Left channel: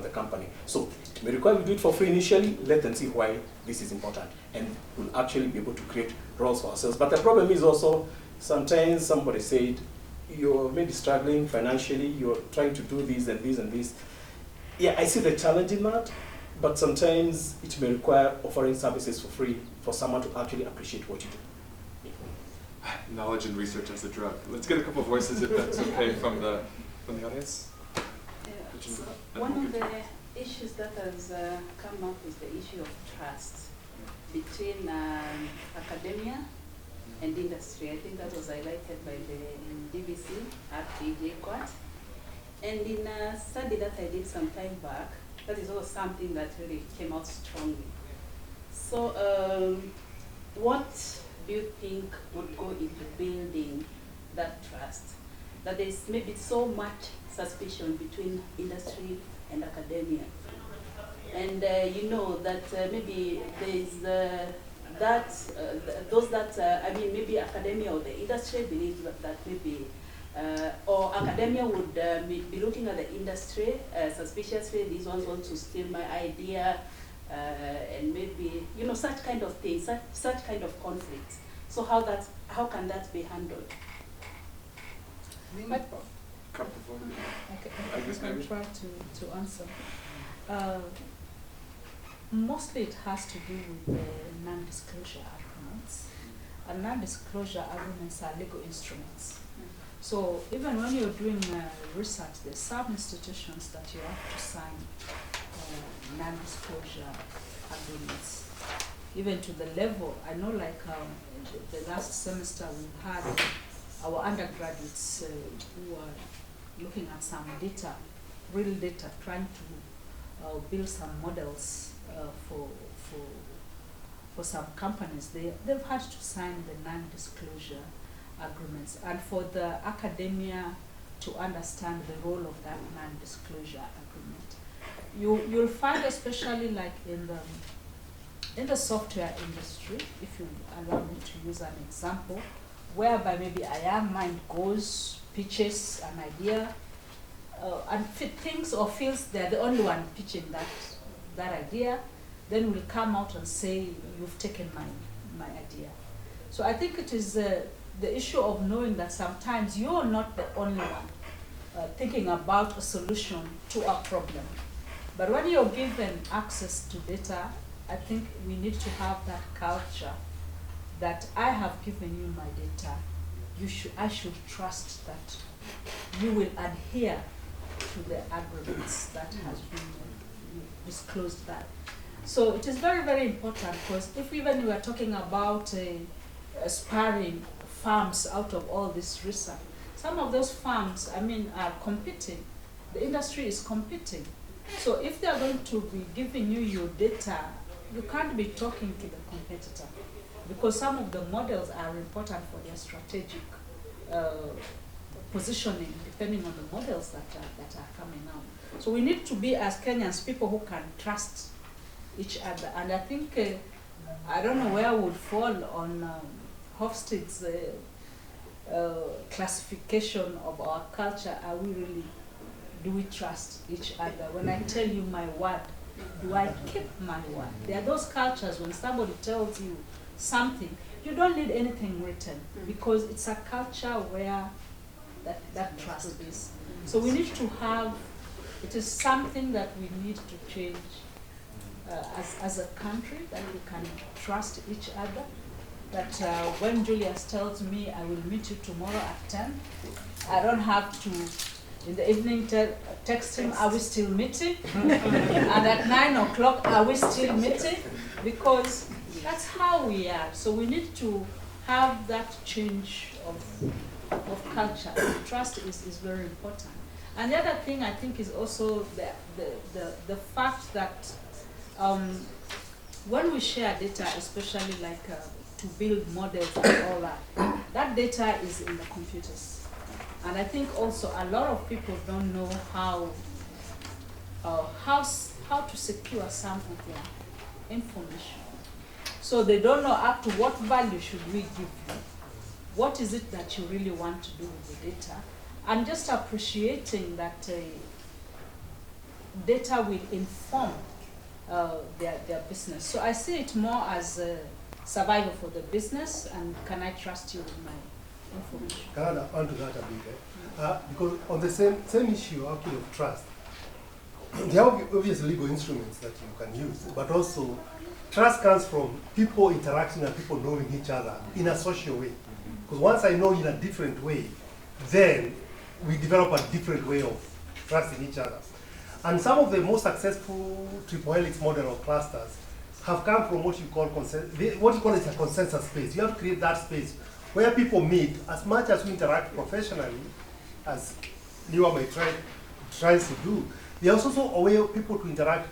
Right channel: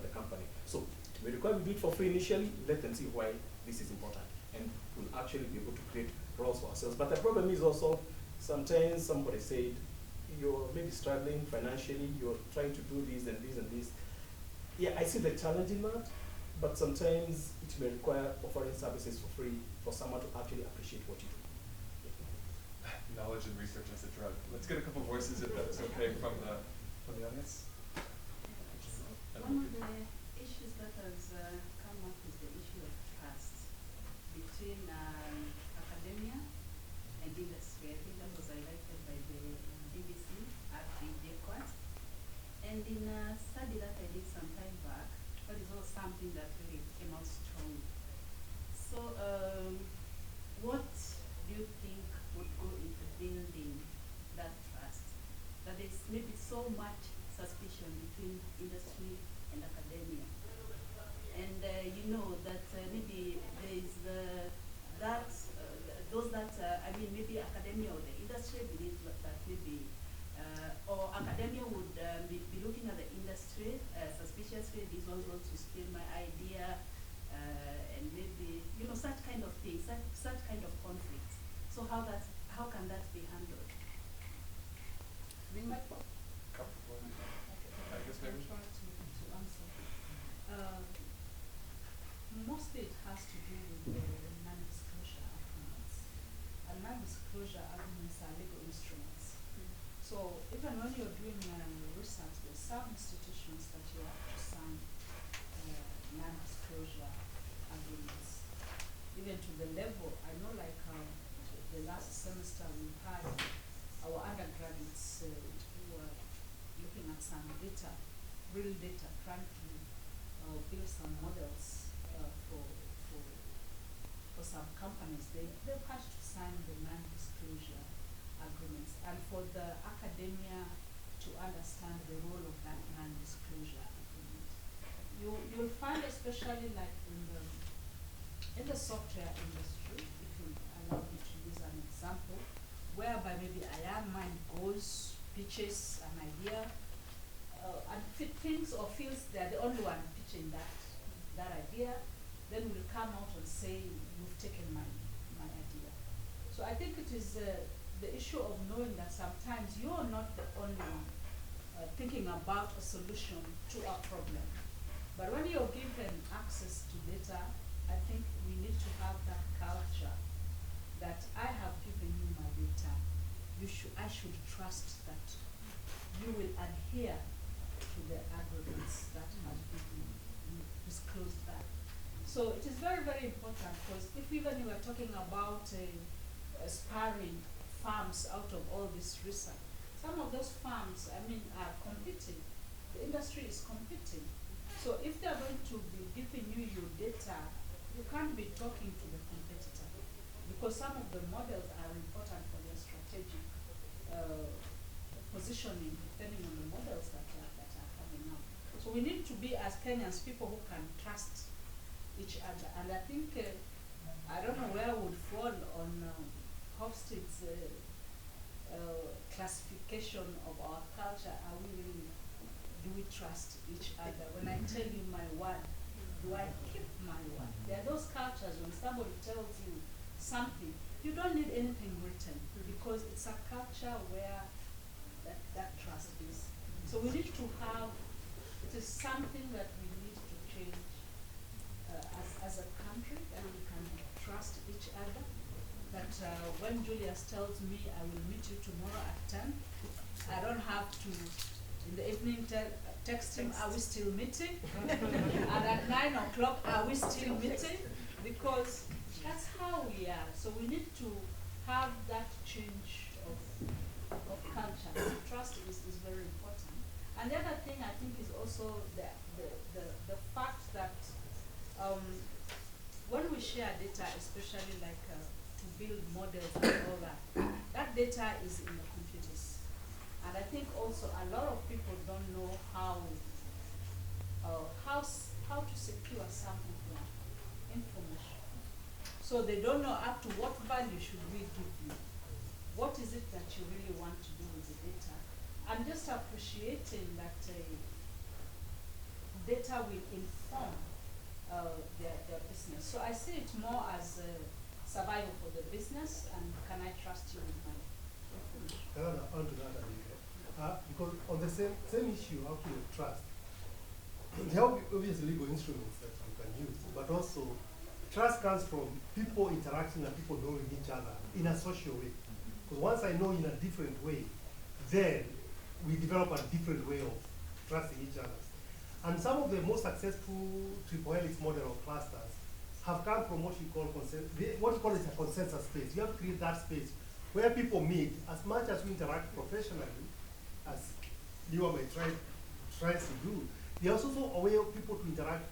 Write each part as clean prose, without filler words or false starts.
of the company. So it may require we do it for free initially, let them see why this is important, and we'll actually be able to create roles for ourselves. But the problem is also, sometimes somebody said, you're maybe struggling financially, you're trying to do this and this and this. Yeah, I see the challenge in that, but sometimes it may require offering services for free for someone to actually appreciate what you do. Knowledge and research as a drug. Let's get a couple of voices, if that's okay, from the audience. Yeah. So one of the issues that has come up is the issue of trust between academia and industry. I think that was highlighted by the DBC at DJ Quad. And in a study that I did some time back, that is also something that really came out strongly. So what do you think would go into building that trust? That there's maybe so much suspicion between industry and academia. And you know that maybe there's those that, I mean, maybe academia or the industry believe that maybe, or academia would be looking at the industry suspiciously, these ones want to steal my idea, and maybe, you know, such kind of things, such kind of conflicts. So how can that be handled? Okay, I guess I'll try to answer. Mostly it has to do with the non-disclosure agreements. And non-disclosure agreements are legal instruments. So even when you're doing research, there's some institutions that you have to sign non-disclosure agreements. Even to the level, I know like the last semester we had our undergraduates who are looking at some data, real data, trying to build some models for some companies. They've had to sign the non-disclosure agreements, and for the academia to understand the role of that non-disclosure agreement. You'll find, especially like in the software industry, if you allow me to use an example, whereby maybe I am mind goes, pitches an idea, and thinks or feels they're the only one pitching that idea, then will come out and say, you've taken my idea. So I think it is the issue of knowing that sometimes you're not the only one thinking about a solution to a problem. But when you're given access to data, I think we need to have that culture that I have given you my data. I should trust that you will adhere to the agreements that has been disclosed that. So it is very, very important, because if even we are talking about aspiring farms out of all this research, some of those farms, I mean, are competing. The industry is competing. So if they are going to be giving you your data, you can't be talking to the competitor, because some of the models are important for their strategic positioning, depending on the models that are coming out. So we need to be, as Kenyans, people who can trust each other. And I think, I don't know where I would fall on Hofstede's classification of our culture. Are we really, do we trust each other? When I tell you my word, do I keep my word? There are those cultures when somebody tells you something, you don't need anything written, because it's a culture where that trust is. So we need to have, it is something that we need to change as a country, that we can trust each other. That when Julius tells me I will meet you tomorrow at 10, I don't have to, in the evening, text him, are we still meeting? And at 9 o'clock, are we still meeting? Because that's how we are. So we need to have that change of culture. Trust is very important. And the other thing I think is also the fact that when we share data, especially like to build models and all that, that data is in the computers. And I think also a lot of people don't know how to secure some of their information. So they don't know up to what value should we give you. What is it that you really want to do with the data? And just appreciating that data will inform their business. So I see it more as a survival for the business, and can I trust you with my information? Can I add to that a bit? Because on the same issue actually of trust, there are obvious legal instruments that you can use, but also trust comes from people interacting and people knowing each other in a social way. Because once I know in a different way, then we develop a different way of trusting each other. And some of the most successful triple helix model of clusters have come from what you call is a consensus space. You have to create that space where people meet. As much as we interact professionally, as you are tries to do, there's also a way of people to interact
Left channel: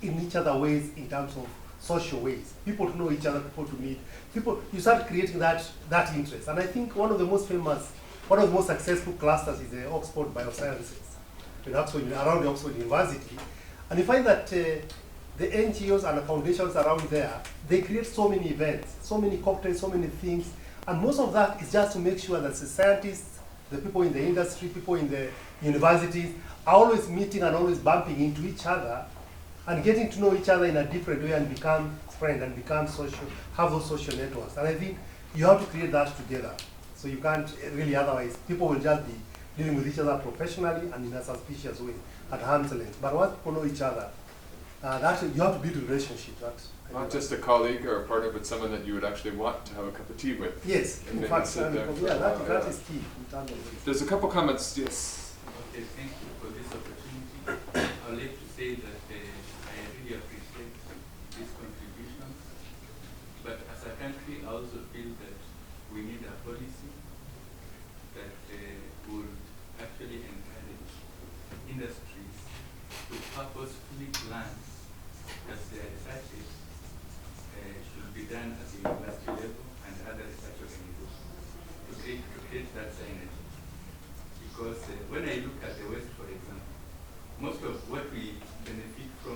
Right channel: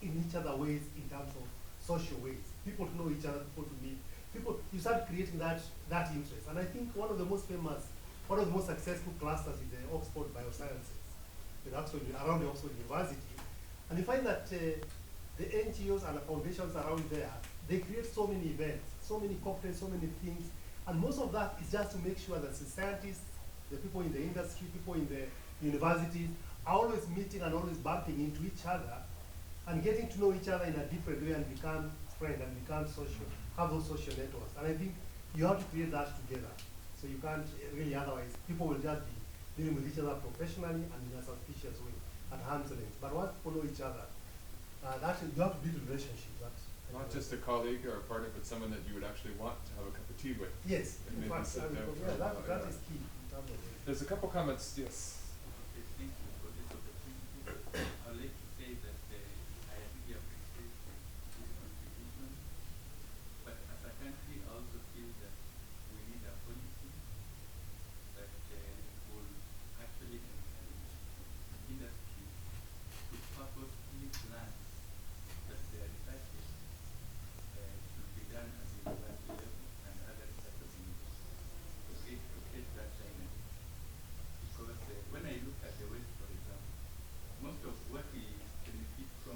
in each other ways in terms of social ways. People to know each other, people to meet. You start creating that interest. And I think one of the most successful clusters is the Oxford Biosciences, around the Oxford University. And you find that the NGOs and the foundations around there, they create so many events, so many cocktails, so many things. And most of that is just to make sure that the scientists, the people in the industry, people in the universities, are always meeting and always bumping into each other and getting to know each other in a different way and become friends and become social, have those social networks. And I think you have to create that together. So you can't really, otherwise people will just be dealing with each other professionally and in a suspicious way at arm's length. But once people know each other, you have to build relationships. Not just a colleague or a partner, but someone that you would actually want to have a cup of tea with. Yes, And in maybe fact, sit there for a yeah, while, that is key. In terms of this. There's a couple comments, yes. Okay, thank you.